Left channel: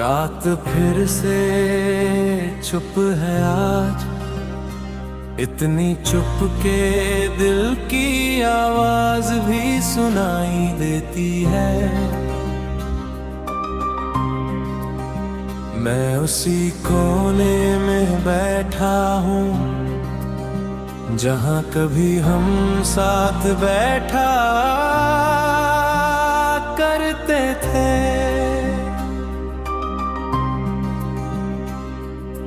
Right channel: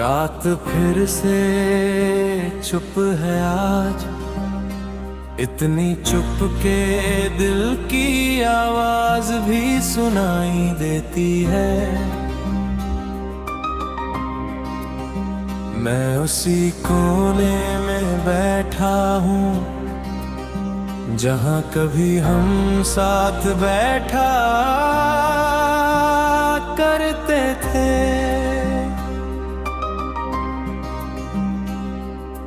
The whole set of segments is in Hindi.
रात फिर से चुप है आज, इतनी चुप के दिल की आवाज भी सुनाई देती है। मैं उसी कोने में बैठा हूँ जहाँ कभी हम साथ बैठा करते थे।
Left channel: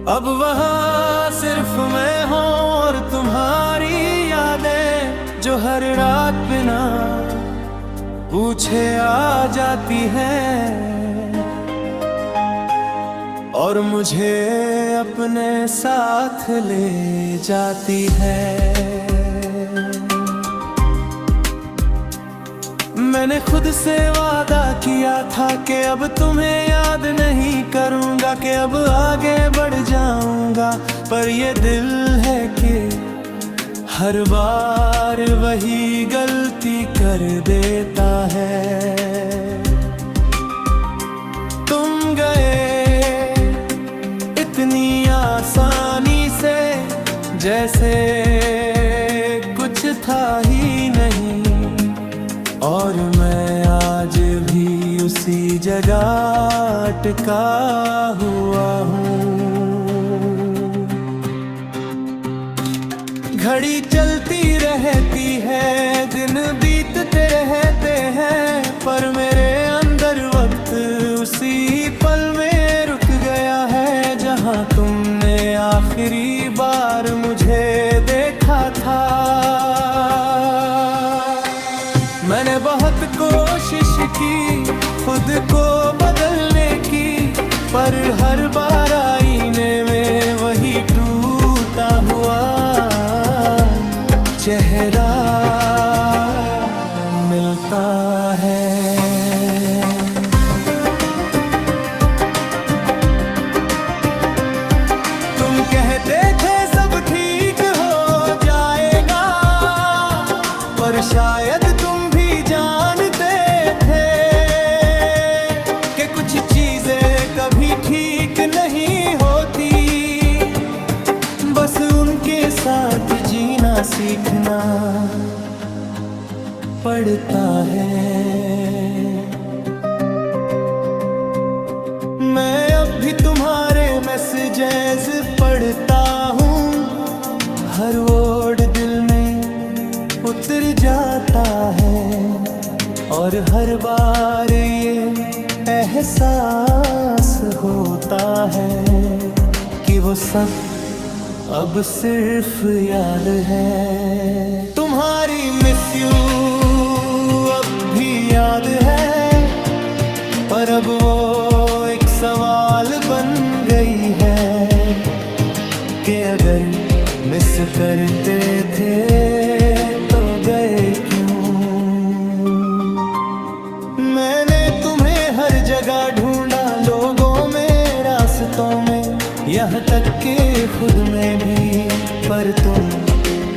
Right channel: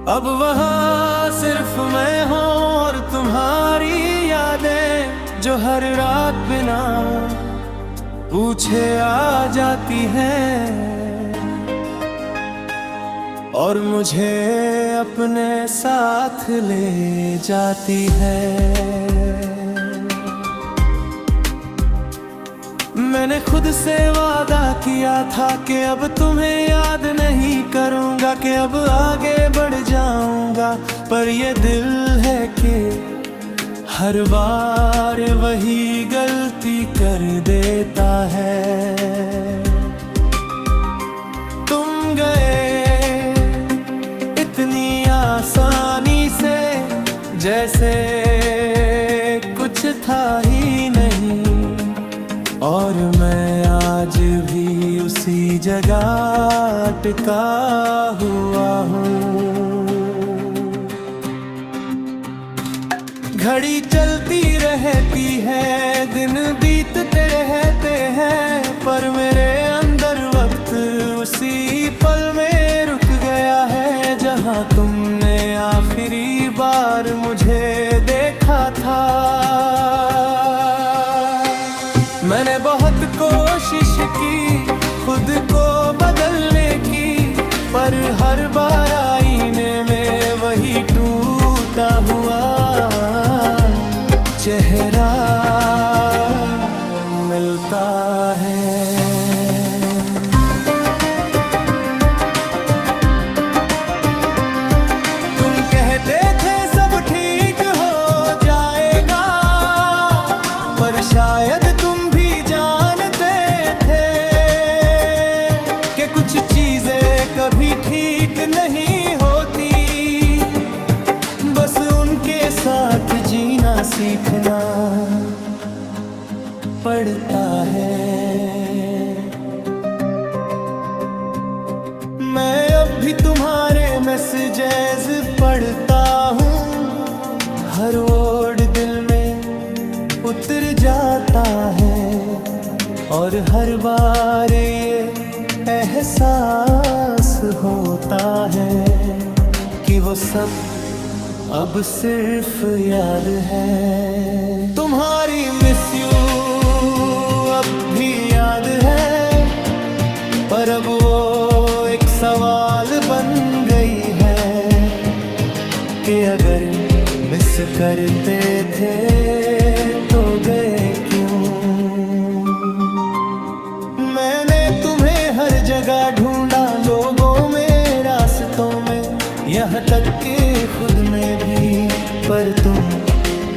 अब वहाँ सिर्फ मैं हूँ और तुम्हारी यादें जो हर रात बिना पूछे आ जाती हैं और मुझे अपने साथ ले जाती है। मैंने खुद से वादा किया था कि अब तुम्हें याद नहीं करूंगा, कि अब आगे बढ़ जाऊंगा, पर ये दिल है कि हर बार वही गलती कर देता है। तुम गए इतनी आसानी से जैसे कुछ था ही नहीं, और मैं आज भी उसी जगह अटका हुआ हूँ। घड़ी चलती रहती है, दिन बीतते रहते हैं, पर मेरे अंदर वक्त उसी पल में रुक गया है जहाँ तुमने आखिरी बार मुझे देखा था। मैंने बहुत कोशिश की खुद को बदलने की, पर हर बार आईने में वही टूटा हुआ चेहरा मिलता है। तुम कहते थे सब ठीक हो जाएगा, पर शायद तुम भी जानते थे कि कुछ चीजें कभी ठीक नहीं होती, बस उनके साथ जीना सीखना पड़ता है। मैं अब भी तुम्हारे मैसेजेस पढ़ता हूँ, हर वर्ड दिल में उतर जाता है, और हर बार ये एहसास होता है कि वो सब अब सिर्फ याद है। तुम्हारी मिस यू अब भी याद है, पर अब वो एक सवाल बन गई है कि अगर मिस करते थे तो गए क्यों। मैंने तुम्हें हर जगह ढूंढा, लोगों में, रास्तों में, यहाँ तक कि खुद में भी, पर तुम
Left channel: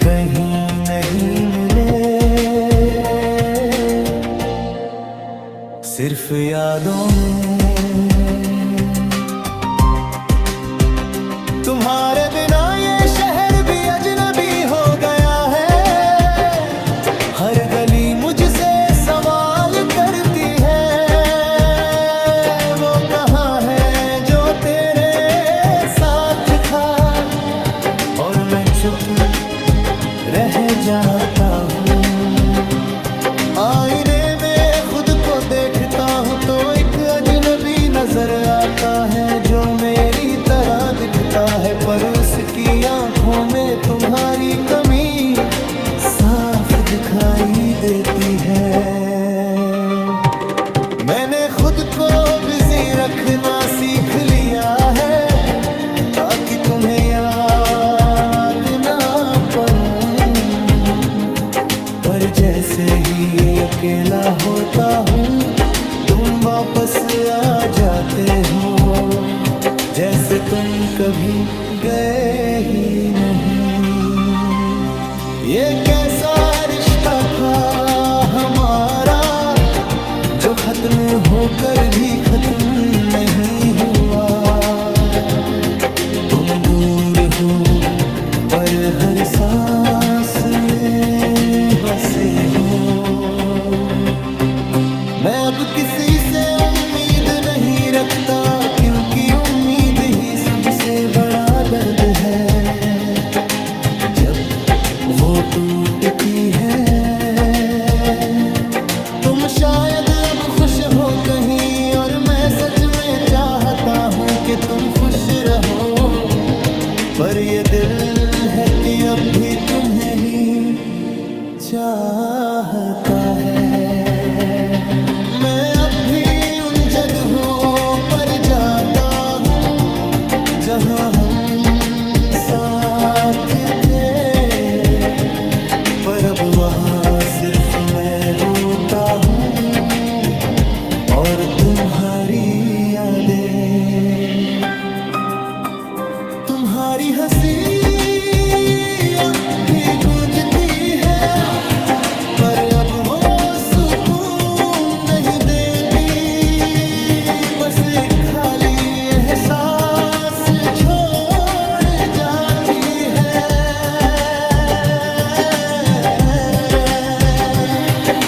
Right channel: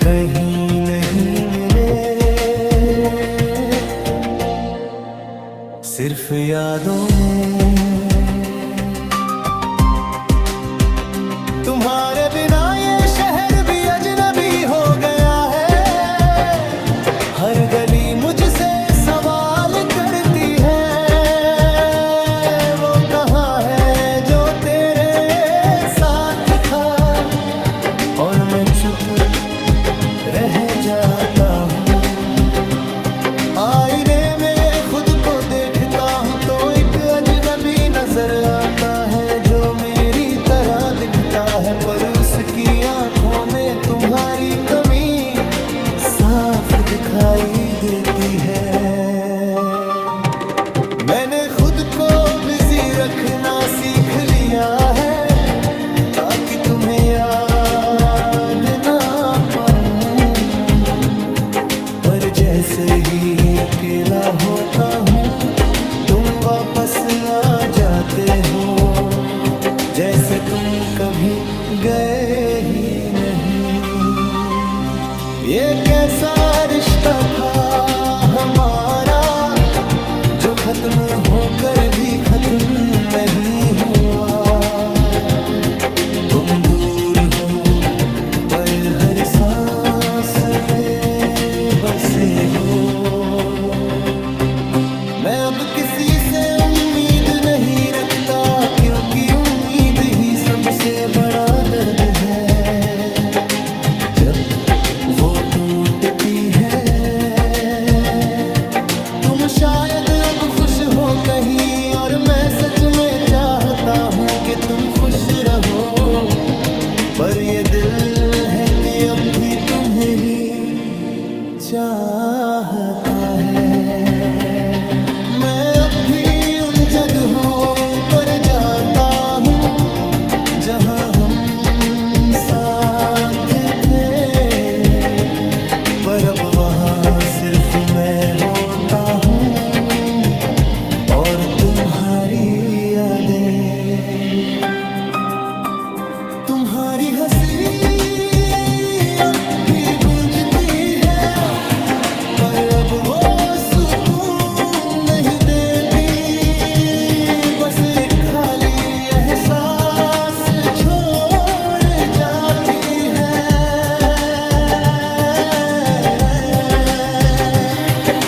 कहीं नहीं मिले। सिर्फ यादों में। तुम्हारे बिना ये शहर भी अजनबी हो गया है, हर गली मुझसे सवाल करती है, वो कहाँ है जो तेरे साथ था, और मैं चुप रह जाता हूँ। आईने में खुद को देखता हूँ तो एक अजनबी नजर आता है जो मेरी तरह दिखता है, पर उसकी आंखों में तुम्हारी कमी साफ दिखाई देती है। मैंने खुद को बिजी रखना सीख लिया है ताकि तुम्हें याद ना पड़ूं, पर जैसे ही अकेला होता हूँ तुम वापस आ जाते हो, जैसे तुम कभी गए ही नहीं। ये कैसा रिश्ता था हमारा जो खत्म होकर भी खत्म नहीं हुआ। तुम दूर हो पर हर सांस में बसे हो। मैं अब किसी से उम्मीद नहीं रखता, क्योंकि उम्मीद ही सबसे बड़ा दर्द है जब वो टूटती है। तुम शायद अब खुश हो कहीं, और मैं सच में चाहता हूँ कि तुम खुश रहो, पर ये दिल है कि अब भी तुम्हें ही चाहता है। मैं अब भी उन जगहों पर जाता हूँ जहाँ हम साथ थे, पर अब वहाँ सिर्फ मैं होता हूँ और तुम्हारी यादें। तुम्हारी हंसी अब भी गूंजती है, पर अब वो सुकून नहीं देती। बस एक खाली एहसास छोड़ जाती है।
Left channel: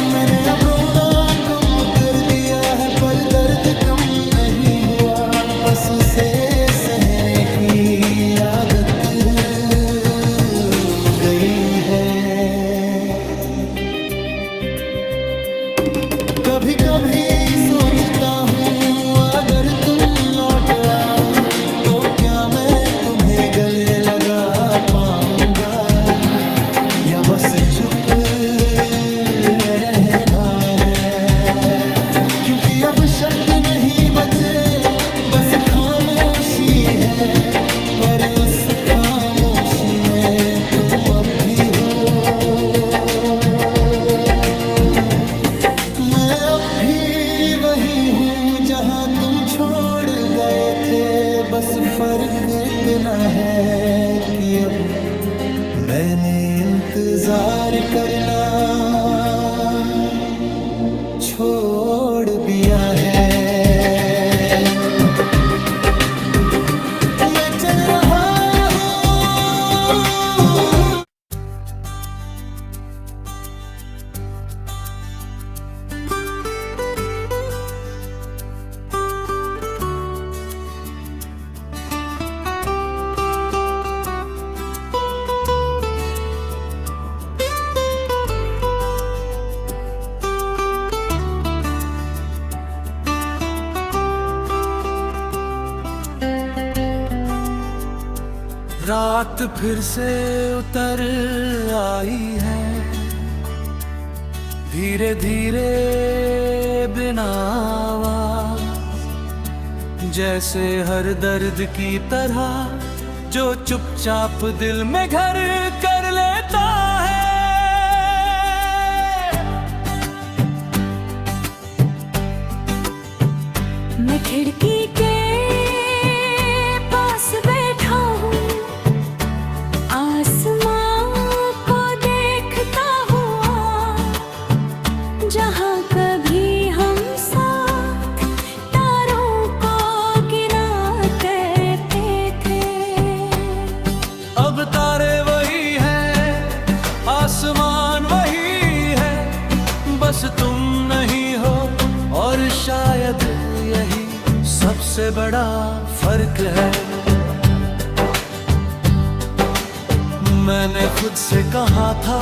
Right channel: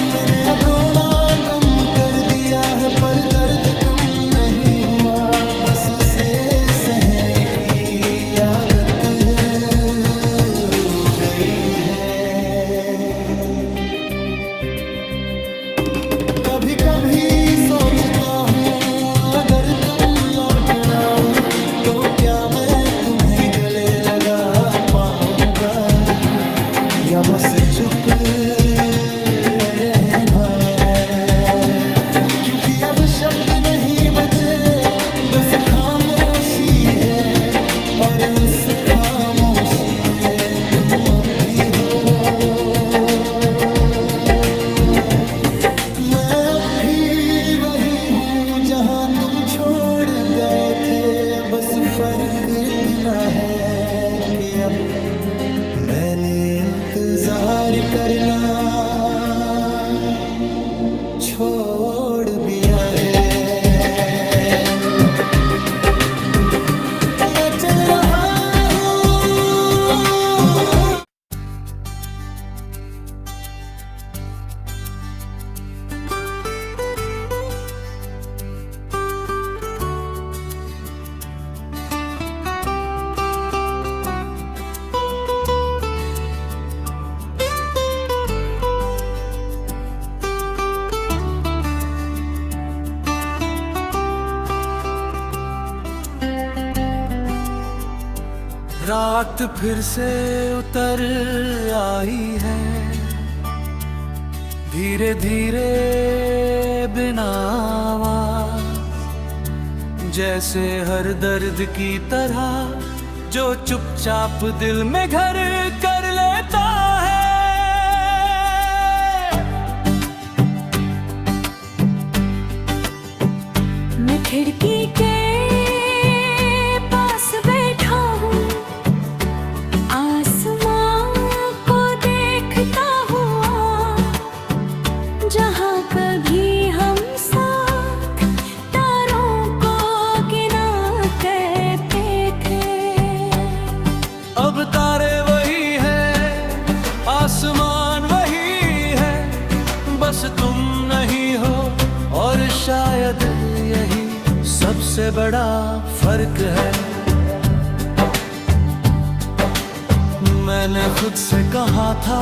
मैंने अब रोना कम कर दिया है, पर दर्द कम नहीं हुआ। बस उसे सहने की आदत हो गई है। कभी कभी सोचता हूँ अगर तुम लौट आओ तो क्या मैं तुम्हें गले लगा पाऊंगा, या बस चुप रहना है। क्योंकि अब शब्द नहीं बचे, बस खामोशी है, और उस खामोशी में तुम अब भी हो। मैं अब भी वही हूँ जहाँ तुम छोड़ गए थे, बस फर्क इतना है कि अब मैंने इंतजार करना छोड़ दिया है। मैं चल रहा हूँ। रात फिर से उतर आई है, धीरे धीरे बिना आवाज, जैसे हर दर्द की तरह जो चुपचाप दिल में घर कर लेता है। मैं खिड़की के पास बैठा हूँ, आसमां को देखता हुआ, जहाँ कभी हम साथ तारों को गिना करते थे। अब तारे वही हैं, आसमान वही है, बस तुम नहीं हो, और शायद यही सबसे बड़ा फर्क है। मैंने खुद से कहा था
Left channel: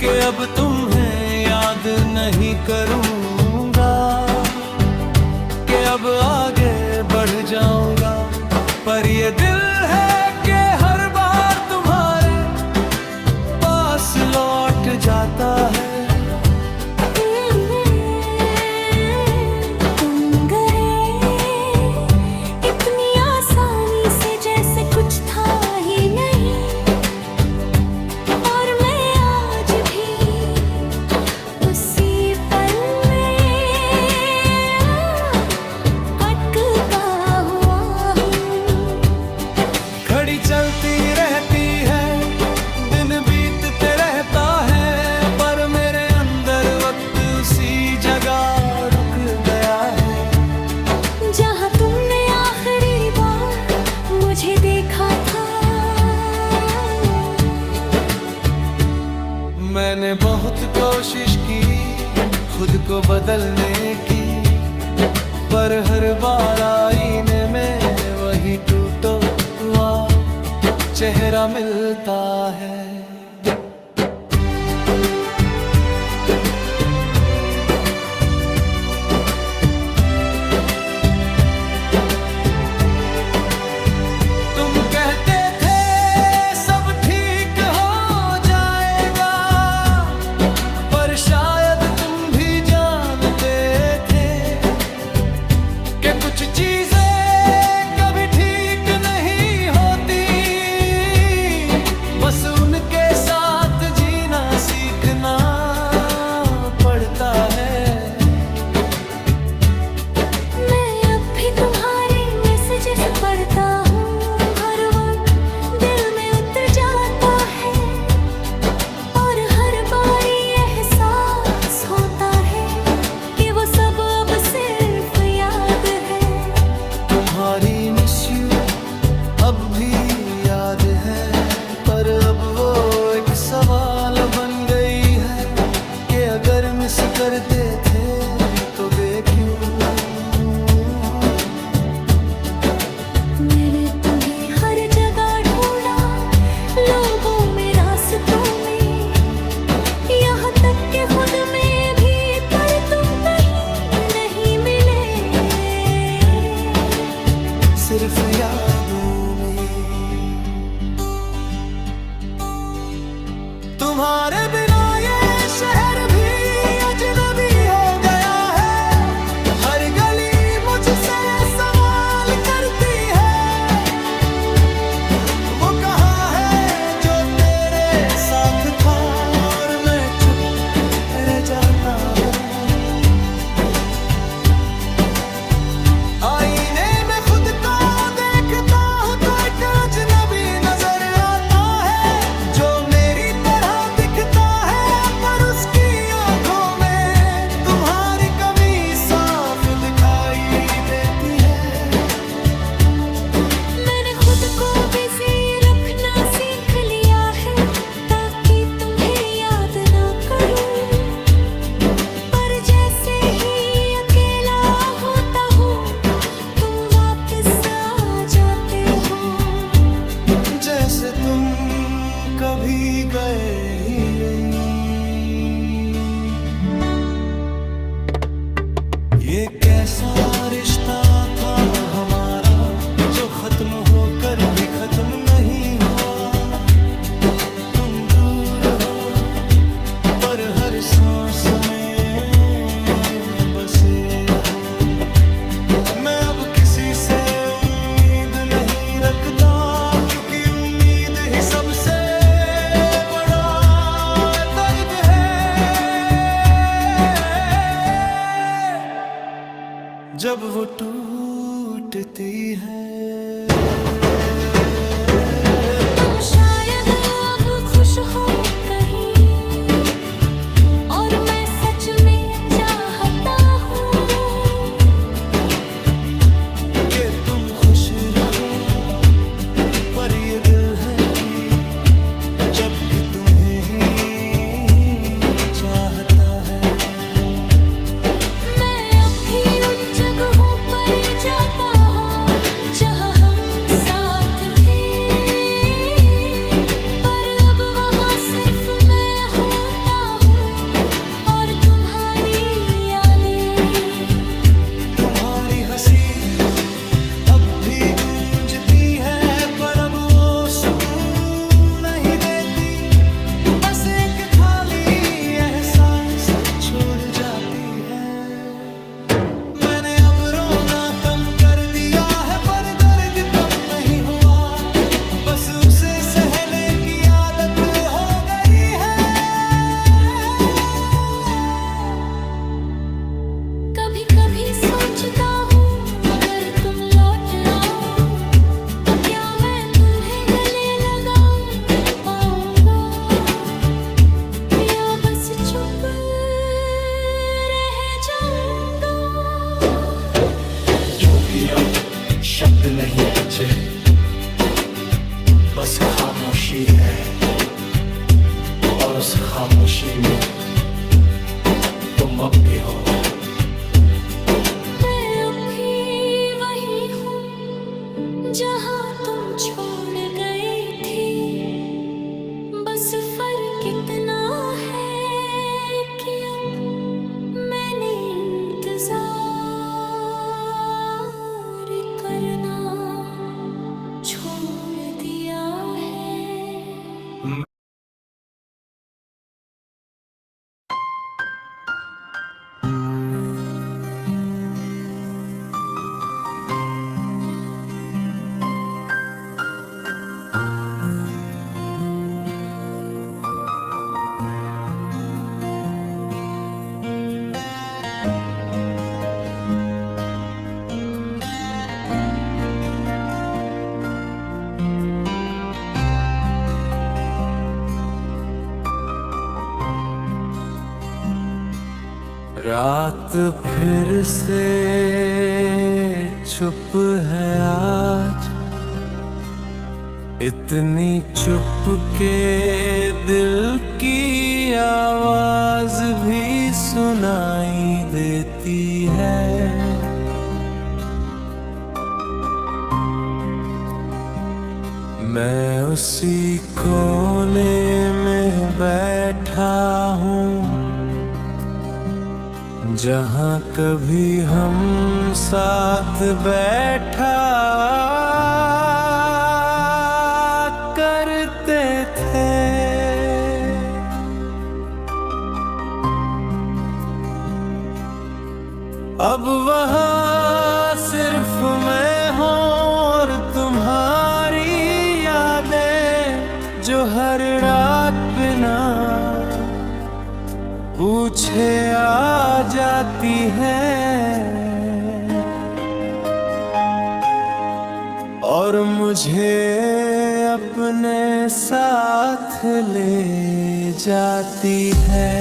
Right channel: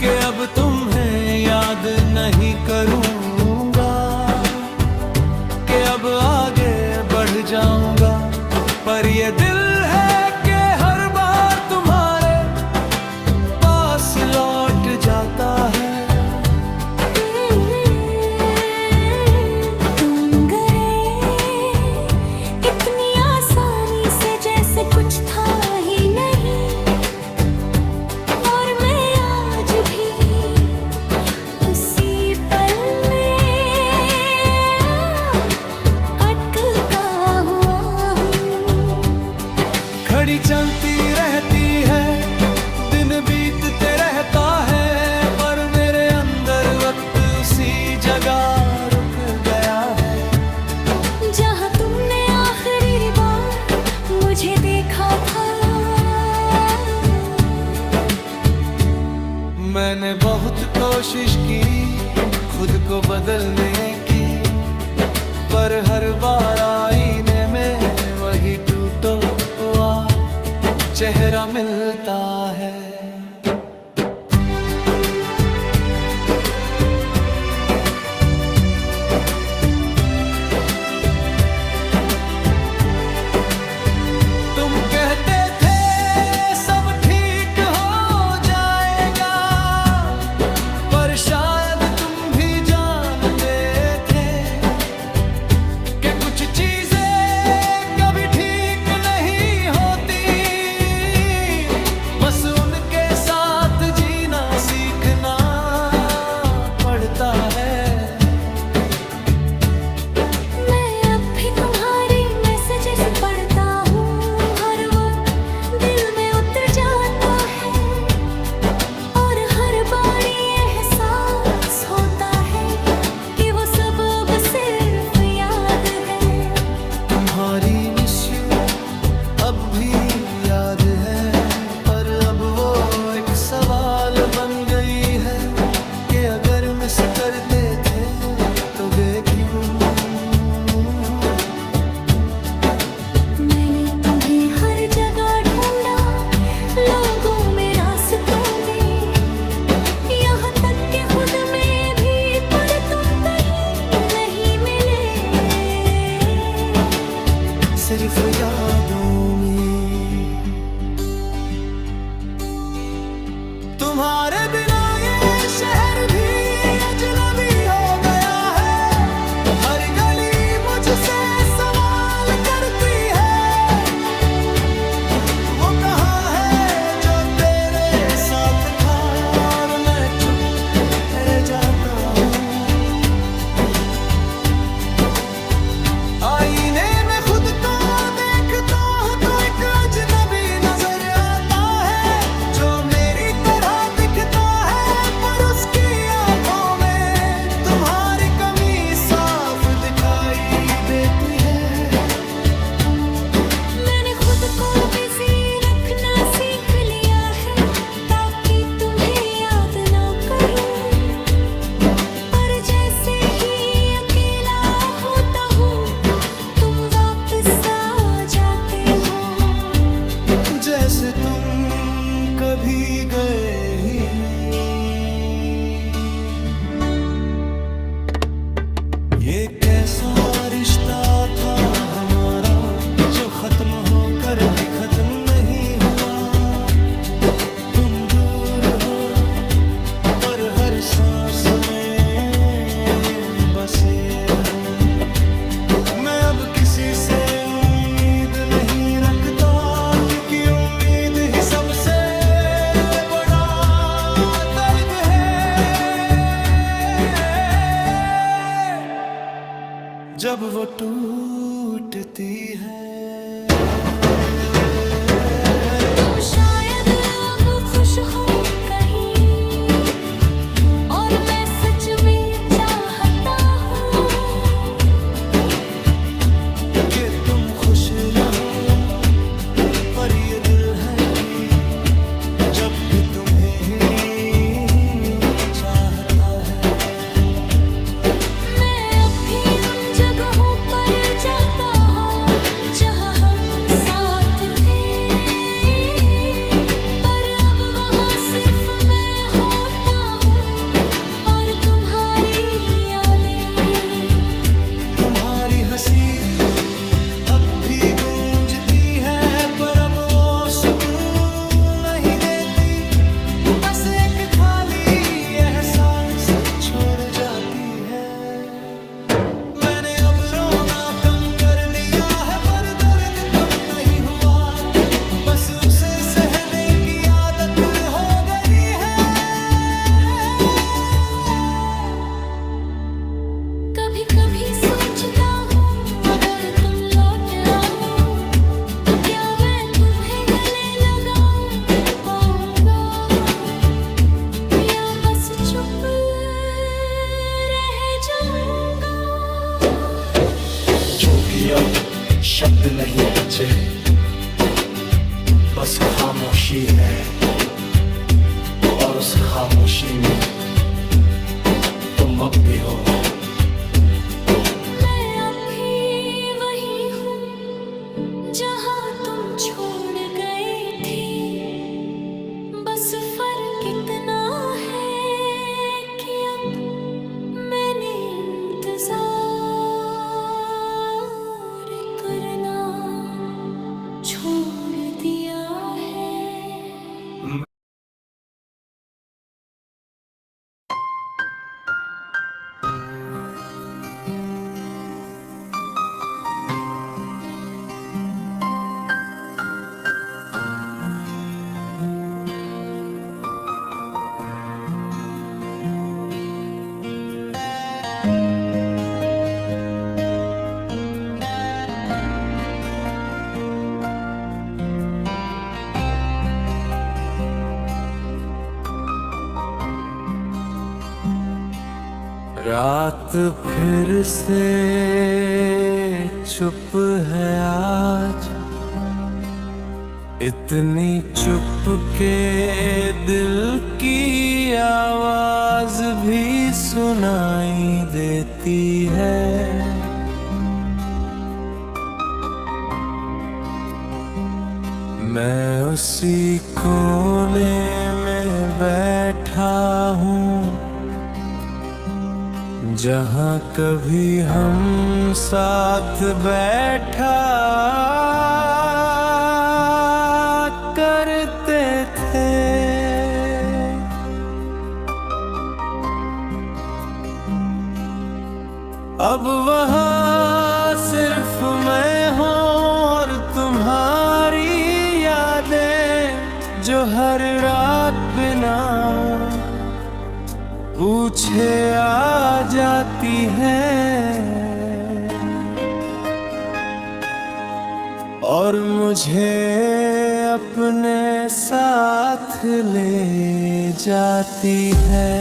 कि अब तुम्हें याद नहीं करूंगा, कि अब आगे बढ़ जाऊंगा, पर ये दिल है कि हर बार तुम्हारे पास लौट जाता है। कुछ था ही नहीं, और मैं आज भी उसी पल में अटका हुआ हूँ। घड़ी चलती रहती है, दिन बीतते रहता है, पर मेरे मैंने बहुत कोशिश की खुद को बदलने की, पर हर बार आईने में वही टूटा हुआ चेहरा मिलता है। तुम कहते थे सब ठीक हो जाएगा, पर शायद तुम भी जानते थे कि कुछ चीजें कभी ठीक नहीं होती, बस उनके साथ जीना सीखना पड़ता है। मैं अब भी तुम्हारी मैसेजेस पढ़ता हूँ, हर वक्त दिल में उतर जाता है, और हर बार ये एहसास होता है कि वो सब अब सिर्फ याद है। तुम्हारी मिस यू अब भी याद है, पर अब वो एक सवाल बन गई है कि अगर मिस करते थे तो वे क्यों। मैंने तुम्हें हर जगह ढूंढा, लोगों में, रास्तों में, यहाँ तक के खुद में भी, पर तुम कहीं नहीं मिले, सिर्फ यादों में। तुम्हारे बिना ये शहर भी अजनबी हो गया है, हर गली मुझसे सवाल करती है, वो कहाँ है जो तेरे साथ था, और मैं चुप रह जाता हूँ। आईने में खुद को देखता हूँ तो एक अजनबी नजर आता है, जो मेरी तरह दिखता है, पर उसकी आंखों में तुम्हारी कमी साफ दिखाई देती है। मैंने खुद को बिजी रखना सीख लिया है, ताकि तुम्हें याद ना करूं, पर जैसे ही अकेला होता हूँ तुम वापस आ जाते हो, जैसे तुम कभी गए ही नहीं। ये कैसा रिश्ता था हमारा जो खत्म होकर भी खत्म नहीं हुआ। तुम दूर हो पर हर सांस में बसे हो। मैं अब किसी से उम्मीद नहीं रखता, क्योंकि उम्मीद ही सबसे बड़ा दर्द है। जब वो टूटती है। तुम शायद अब खुश हो कहीं, और मैं सच में चाहता हूँ कि तुम खुश रहो, पर ये दिल है कि जब भी तुम्हें ही चाहता है। मैं अब भी उन जगहों पर जाता हूँ जहाँ हम साथ थे, पर अब वहाँ सिर्फ मैं होता हूँ और तुम्हारी यादें। तुम्हारी हंसी अब भी गूंजती है, पर अब वो सुकून नहीं देती, बस एक खाली एहसास छोड़ जाती है। मैंने अब रोना कम कर दिया है, पर दर्द कम नहीं हुआ, बस उसे सहने की आदत हो गई है। कभी कभी सोचता हूँ अगर तुम लौट आओ तो क्या मैं तुम्हें गले लगाऊं पाऊंगा, या बस चुप रह जाऊंगा। क्योंकि अब शब्द नहीं बचे, बस खामोशी है। और उस खामोशी में तुम अब भी हो। मैं अब भी वही हूँ जहाँ तुम छोड़ गए थे। बस फर्क इतना है कि अब मैंने इंतजार करना छोड़ दिया है। रात फिर से चुप है आज, इतनी चुप के दिल की आवाज भी सुनाई देती है। मैं उसी कोने में बैठा हूँ जहाँ कभी हम साथ बैठा करते थे। अब वहाँ सिर्फ मैं हूँ और तुम्हारी यादें जो हर रात बिना पूछे आ जाती हैं और मुझे अपने साथ ले जाती है।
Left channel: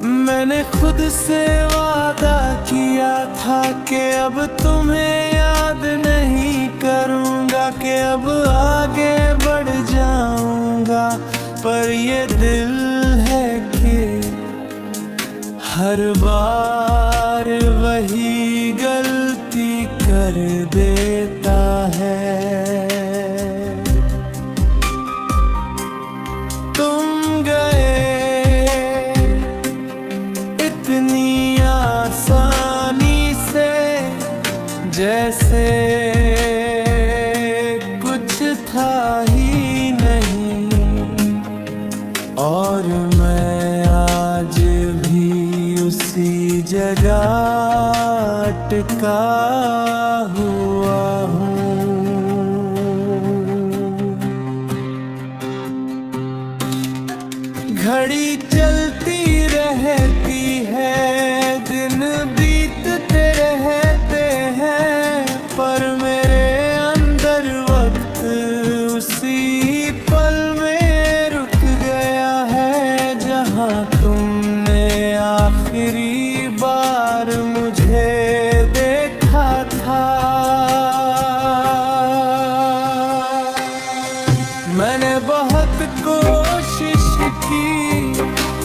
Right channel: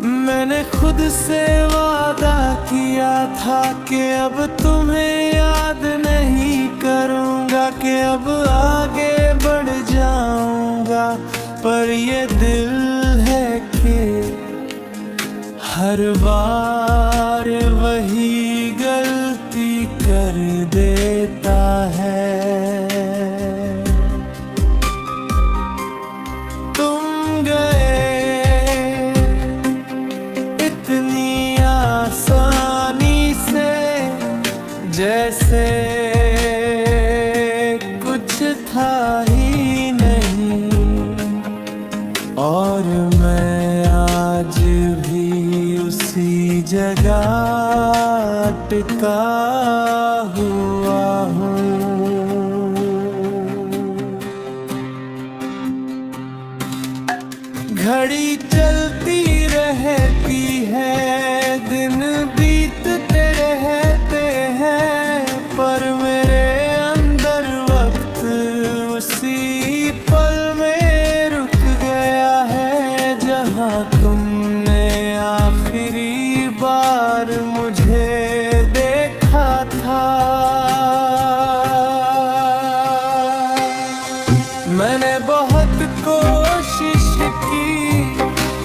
मैंने खुद से वादा किया था कि अब तुम्हें याद नहीं करूँगा, कि अब आगे बढ़ जाऊँगा, पर ये दिल है कि हर बार वही गलती कर देता है। तुम गए इतनी आसानी से जैसे कुछ था ही नहीं, और मैं आज भी उसी जगह अटका हुआ हूँ। घड़ी चलती रहती है, दिन बीतते रहते हैं, पर मेरे अंदर वक्त उसी पल में रुक गया है जहाँ तुमने आखिरी बार मुझे देखा था। मैंने बहुत कोशिश की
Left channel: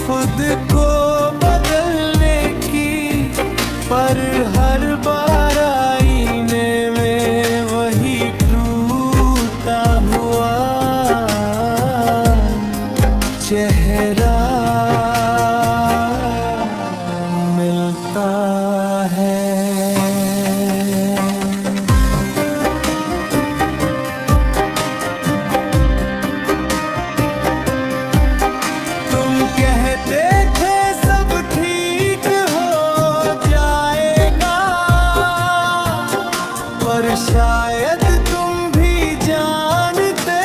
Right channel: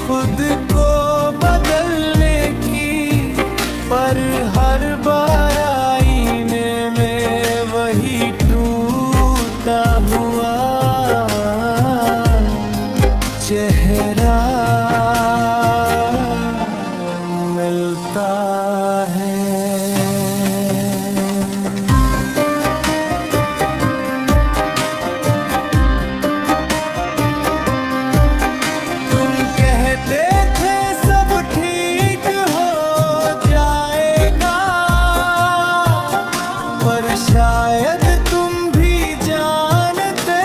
खुद को बदलने की, पर हर बार आईने में वही टूटा हुआ चेहरा मिलता है। कहते थे सब ठीक हो जाएगा, पर शायद तुम भी जानते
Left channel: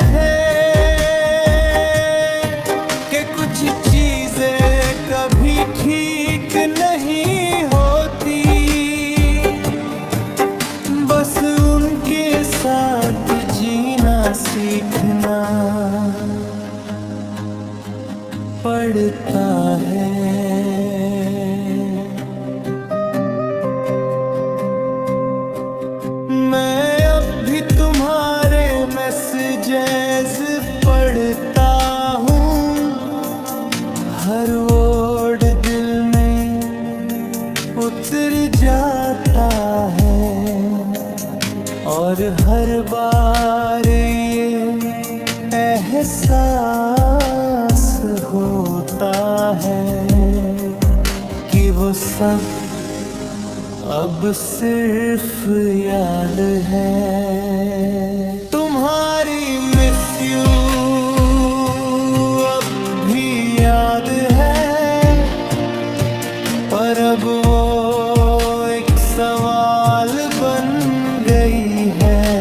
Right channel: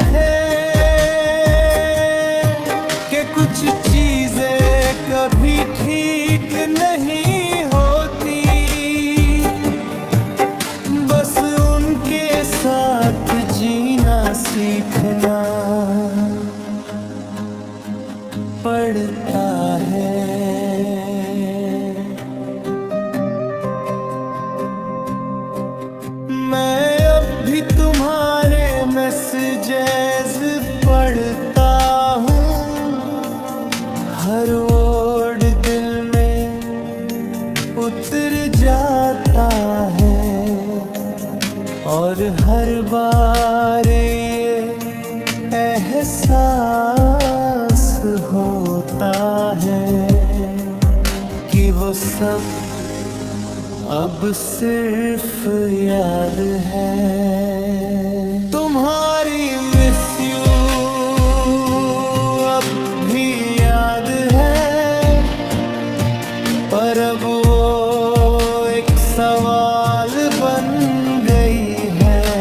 थे कि कुछ चीजें कभी ठीक नहीं होती, बस उनके साथ जीना सीखना पड़ता है। मैं भी तुम्हारे मैसेजेस पढ़ता हूँ, हर वर्ड दिल में उतर जाता है, और हर बार ये एहसास होता है कि वो सब अब सिर्फ याद है। तुम्हारी मिस यू अब भी याद है, पर अब वो एक सवाल बन गई है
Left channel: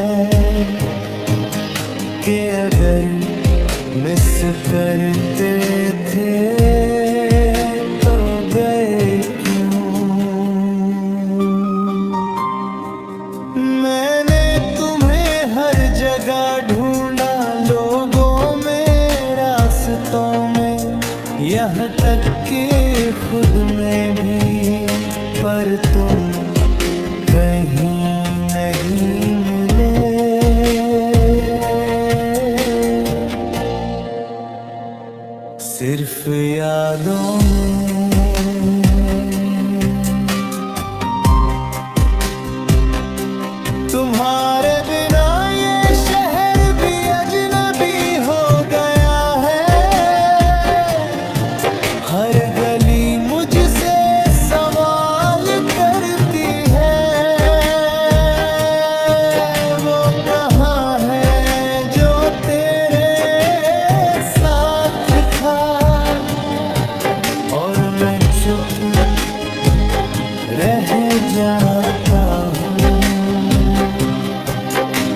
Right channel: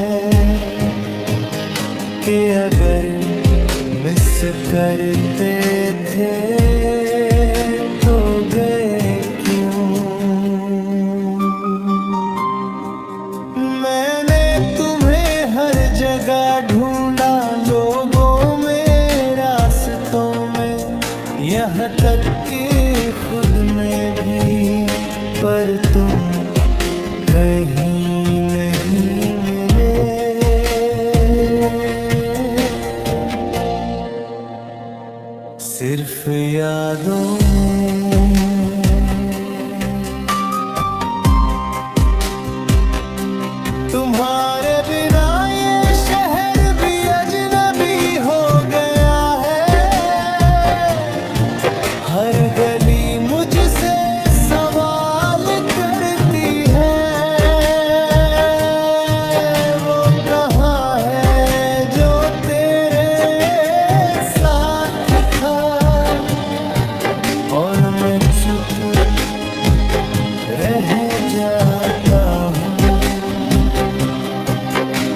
कि अगर मिस करते थे तो गए क्यों। मैंने तुम्हें हर जगह ढूंढा, लोगों में, रास्तों में, यहाँ तक कि खुद में भी, पर तुम कहीं नहीं मिले। सिर्फ यादों में। तुम्हारे बिना ये शहर भी अजनबी हो गया है, हर गली मुझसे सवाल करती है, वो कहाँ है जो तेरे साथ था। और मैं चुप रह जाता हूँ,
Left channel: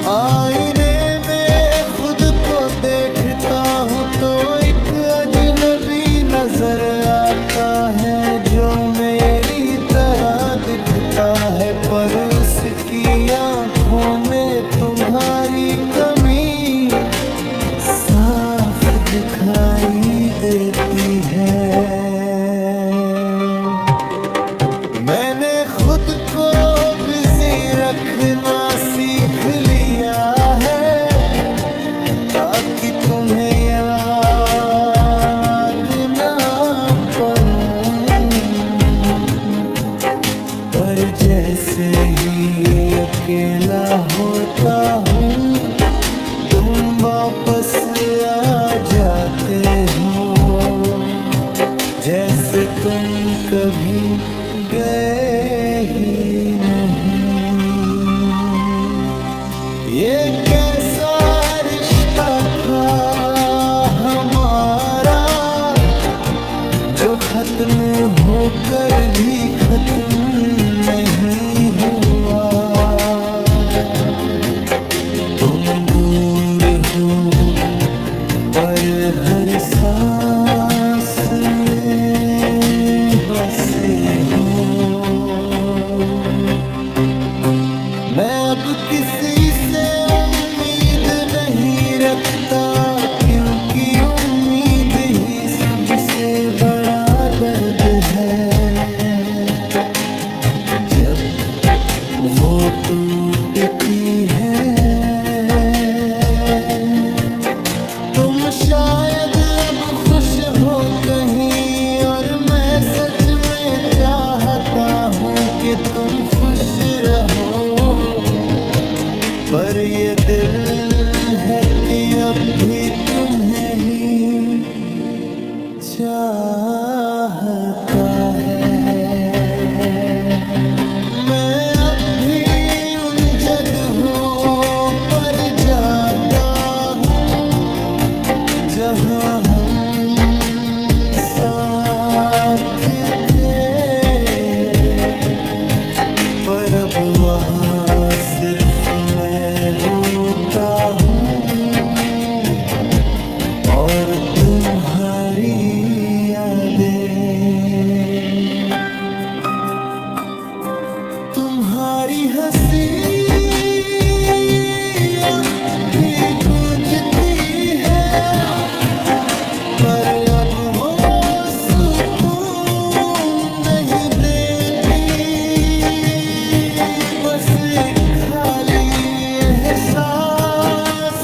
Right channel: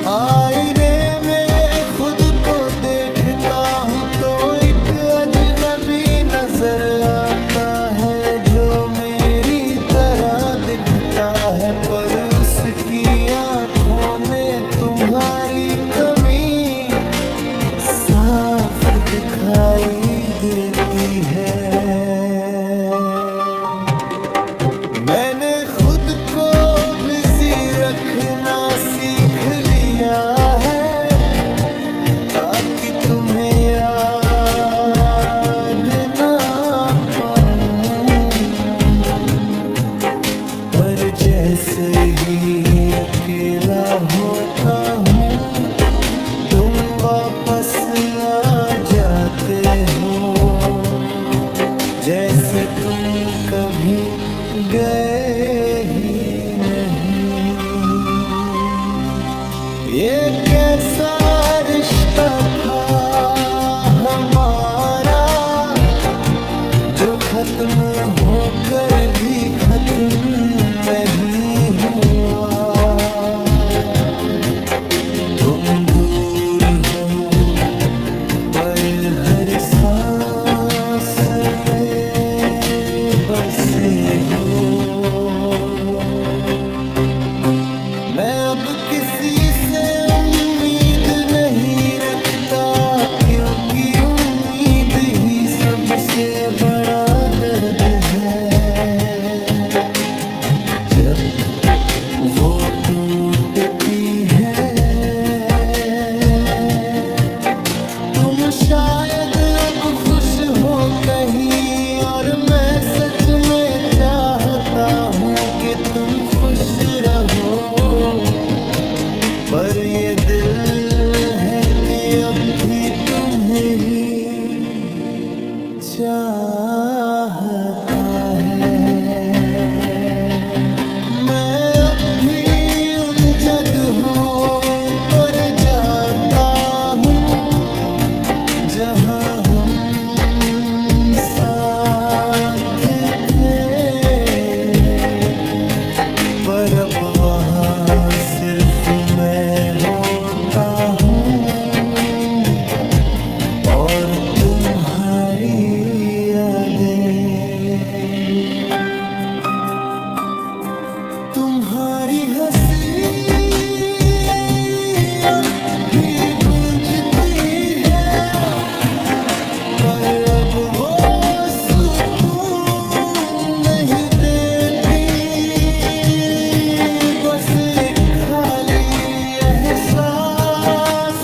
आईने में खुद को देखता हूँ तो एक अजनबी नजर आता है, जो मेरी तरह दिखता है, पर उसकी आँखों में तुम्हारी कमी साफ दिखाई देती है। मैंने खुद को बिजी रखना सीख लिया है, ताकि तुम्हें याद ना पड़ूं, पर जैसे ही अकेला होता हूँ तुम वापस आ जाते हो, जैसे तुम कभी गए ही नहीं। ये कैसा रिश्ता था हमारा, जो खत्म होकर भी खत्म नहीं हुआ। तुम दूर हो पर हर सांस में बसे हो। मैं अब किसी से उम्मीद नहीं रखता, क्योंकि उम्मीद ही सबसे बड़ा दर्द है। जब वो टूटती है, तुम शायद अब खुश हो कहीं, और मैं सच में चाहता हूँ कि तुम खुश रहो, पर ये दिल है कि अब भी तुम्हें ही चाहता है। मैं अब भी उन जगहों पर जाता हूँ जहाँ हम साथ थे, पर अब वहाँ सिर्फ मैं होता हूँ और तुम्हारी यादें, तुम्हारी हंसी अब भी गूंजती है, पर अब वो सुकून नहीं देती। बस एक खाली एहसास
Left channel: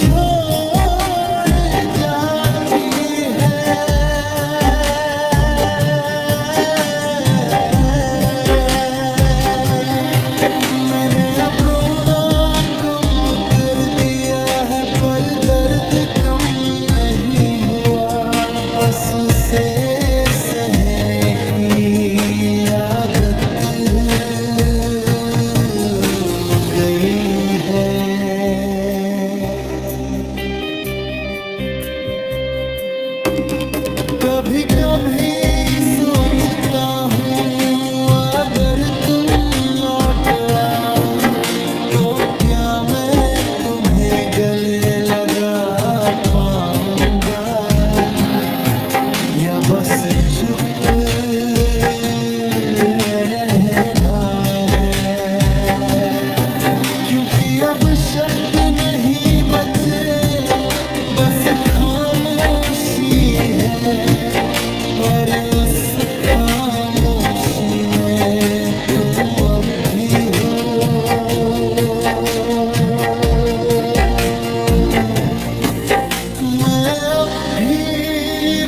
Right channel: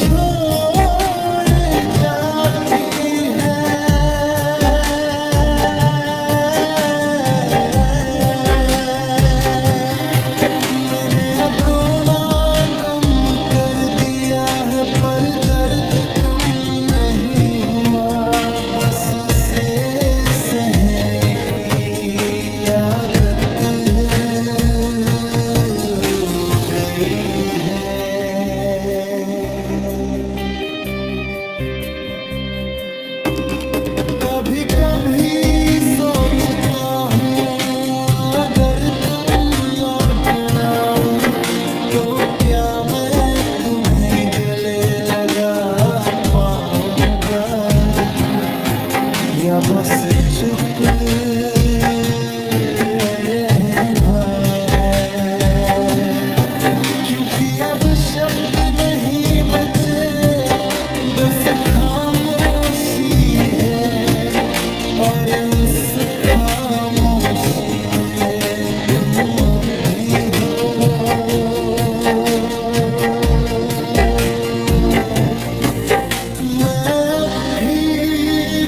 छोड़ जाती है। मैंने अब रोना कम कर दिया है, पर दर्द कम नहीं हुआ, बस उसे सहने की आदत हो गई है। कभी कभी सोचता हूँ अगर तुम लौट आओ तो क्या मैं तुम्हें गले लगा पाऊंगा, या बस चुप रहना है। क्योंकि अब शब्द नहीं बचे, बस खामोशी है, और उस खामोशी में तुम अब भी हो। मैं अब भी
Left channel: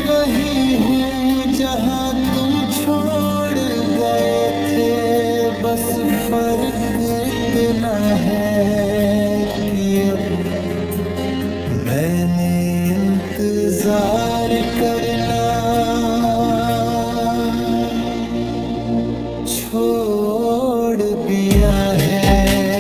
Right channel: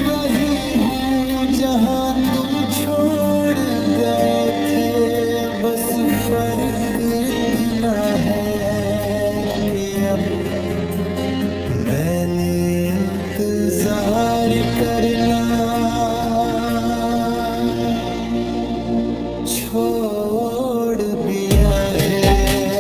वही हूँ जहाँ तुम छोड़ गए थे, बस फर्क इतना है कि अब मैंने इंतजार करना छोड़ दिया है।